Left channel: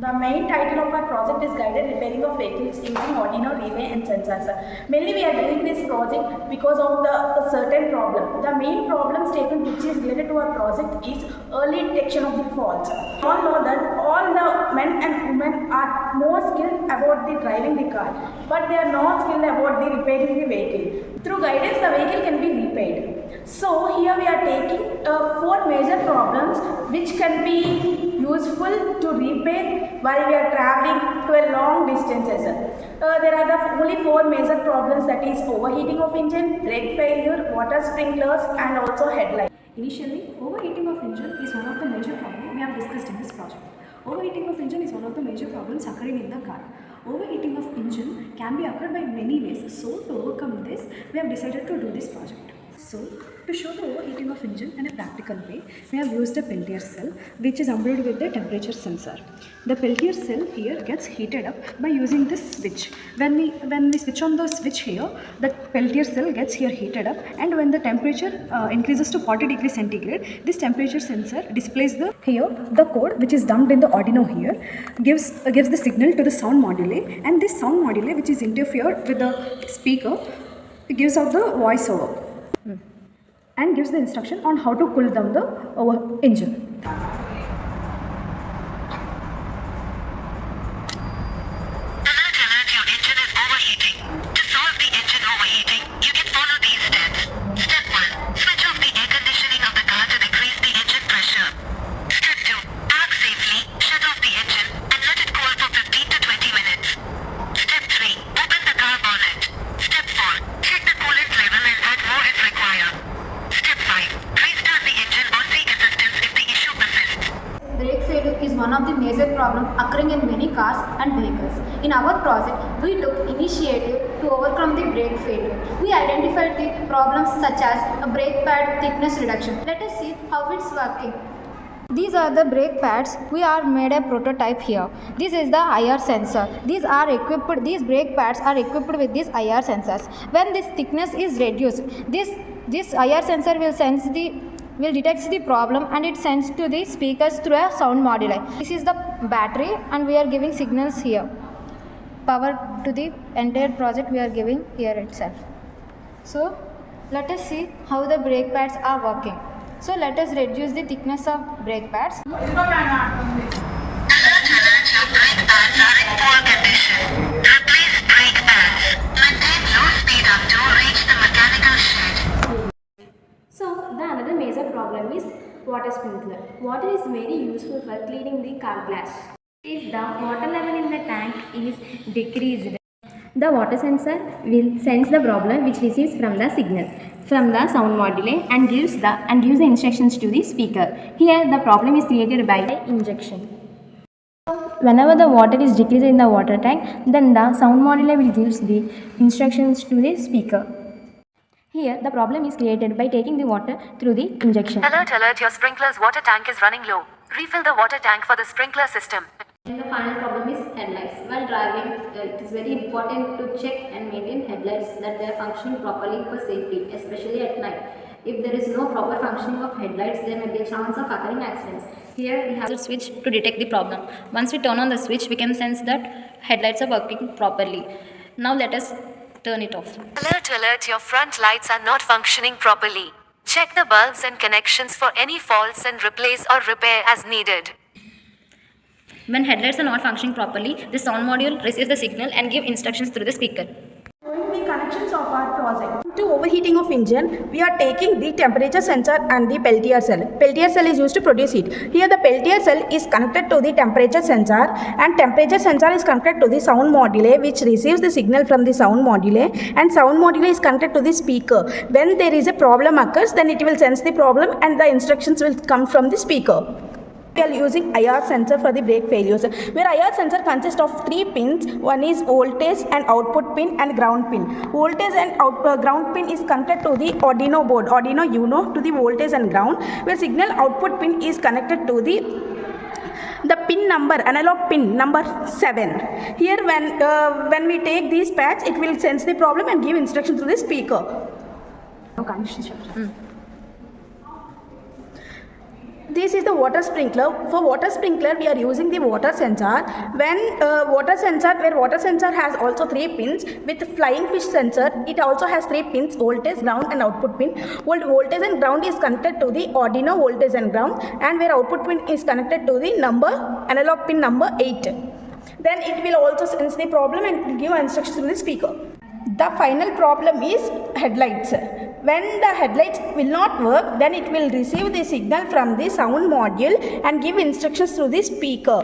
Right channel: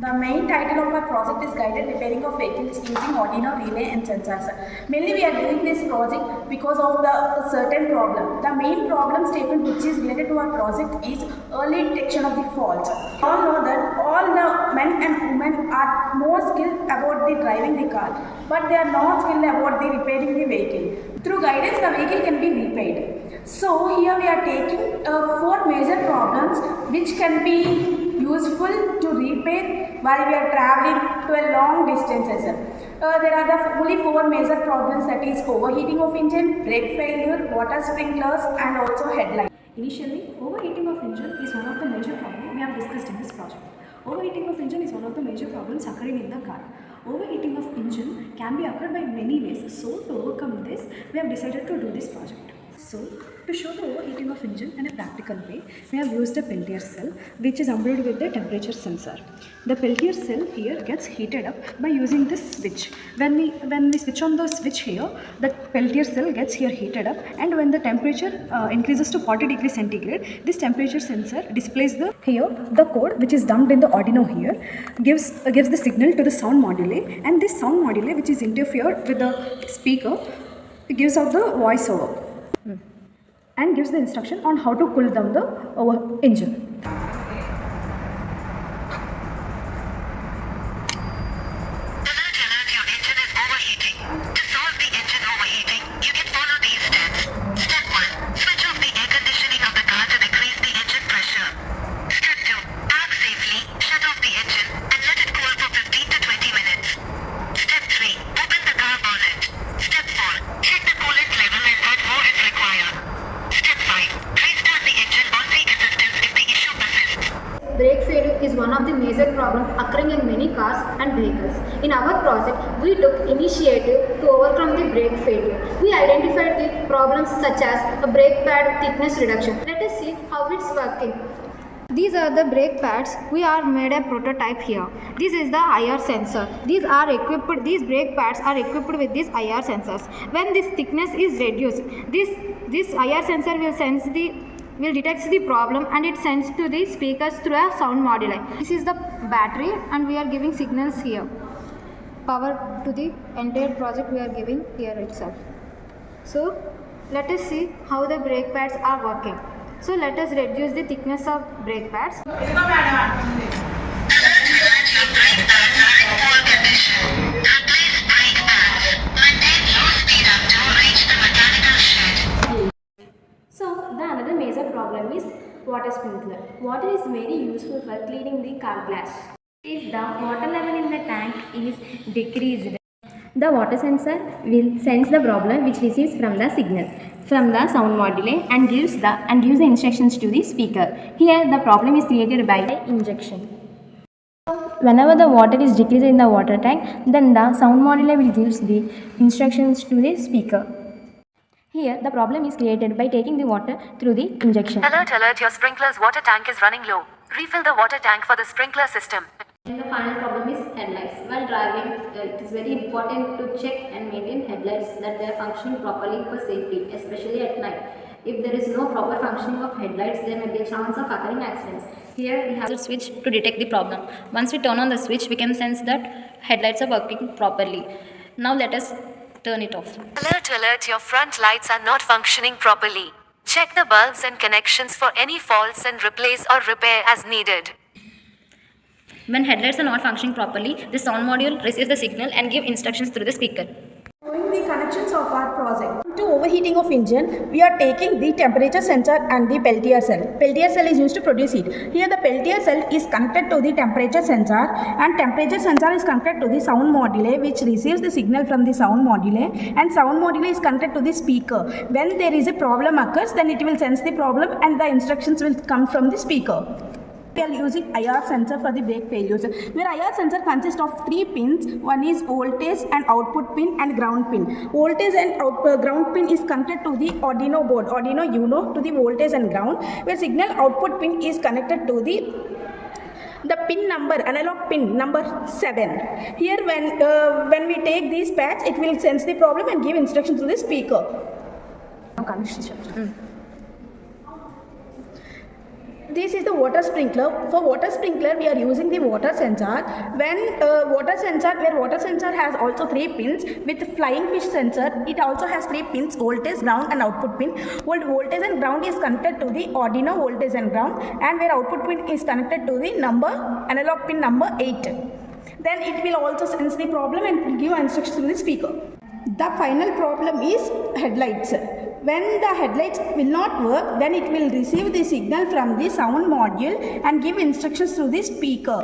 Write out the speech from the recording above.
The main title of our project is Guided Repairing of Vehicles using Arduino relay and sensors. Mainly we are doing this project because of the certain problem. The main problem statement which is related to our project is early detection of the faults. We all know that all the men and women are more skilled about the driving the car, but they are not skilled about the repairing the vehicle. Through guidance, the vehicle can be repaired. So here we are taking 4 major problems which can be useful to repair while we are traveling to a long distances. There are the only 4 major problems, that is overheating of engine, brake failure, water sprinklers and also headlight. Initially, overheating of engine is one of the major problems we have discussed in this project. Overheating of engine is one of the major problems occurring in the car. Overheating of engine can be occurred by many ways. So to overcome this, we have decided to do this project. So, to show the overheating of engine in a practical way, we have used a Peltier cell which is armed with the temperature sensor. The Peltier cell here gets heated up by using this switch. When we switch on the switch here, the Peltier cell gets here heated up, and when the temperature increases to 40 degrees centigrade, this temperature sensor displays the code which is dumped in the Arduino here, gives the signal to the sound module, and this sound module, which is interfered with the speaker, gives out the voiceover and gives the instruction on how to cool down the engine. Alert, your engine is overheating. To solve the engine overheating, you can follow these steps. Step 1. Switch off the air conditioning of the car to decrease the engine pressure. Step 2. Park safely, shut off the engine and let it cool for 15 to 20 minutes. Step 3. Open the car bonnet. Step 4. Check the coolant level and add more if required. Step 5. Restart the engine or seek assistance if the issue persists. Brake failure is one of the major problems occurring in many cars and vehicles. In our project, we took initiative to overcome the brake failure. We identified the problems such as a brake pad thickness reduction. Let us see how it's working. These are the brake pads. We are made a prototype here. This is the IR sensor. These brake pads are equipped with these IR sensors. When this thickness is reduced, this IR sensor will detect the problem, and it sends to the speakers through a sound module. This is the battery, and we are giving signals here. Power to the entire project we are giving here itself. So let us see how the brake pads are working. So let us reduce the thickness of brake pads. Alert, your brake pads are in poor condition. Replace brake pads. Maintain low speed until reach the mechanical shed. So, the another major problem is water sprinkler. Water is very useful for cleaning the car glass. If the water level in the tank is decreased, the water sensor will sense the problem which receives from the signal from the sound module and gives the instructions to the speaker. Here the problem is created by the injection. Whenever the water is decreased in the water tank, then the sound module will give the instructions to the speaker. Here, the problem is created by taking the water through the injection. Alert, your sprinkler's water tank is running low. Refill the water tank for the sprinkler system. And the final problem is headlights. While driving, it is very important to check and maintain headlights that they are functioning properly for safety, especially at night. If there is no proper functioning of headlights, there may be a chance of occurring accidents. Here we have a switch to detect the problem. Once we turn on the switch, we can sense that headlights are working properly. Now let us turn it off. Alert, your front lights are not functioning properly. Check the bulbs and connections for any faults and replace or repair as needed. When headlights are not functioning properly, the sound module receives the signal and gives instructions through the speaker. Showing the connections of our project. To overheating of engine, we are taking the temperature sensor and the Peltier cell. Peltier cell is used to produce heat. Here the Peltier cell is connected to the temperature sensor, and temperature sensor is connected to the sound module, which receives the signal from the sound module, and sound module is connected to the speaker. When there is a problem occurs, then it will sense the problem and the instructions will come from the speaker. We are using IR sensor for the brake failures, where IR sensor consists of 3 pins. One is voltage and output pin and ground pin. Voltage and ground pin is connected to the Arduino board, Arduino Uno, to the voltage and ground, where signal output pin is connected to the pin number, analog pin number 7. Here when we take these pads, it will sense the problem and give instruction through the speaker. This is the water sprinkler. For water sprinkler, we are using the water sensor. When water sensor has also 3 pins. With flying fish sensor, it also has 3 pins: voltage, ground, and output pin. Voltage and ground is connected to the Arduino voltage and ground, and where output pin is connected to the analog pin number 8. Then it will also sense the problem and will give instructions to the speaker. The final problem is headlights. When the headlights will not work, then it will receive the signal from the sound module and give instructions to the speaker.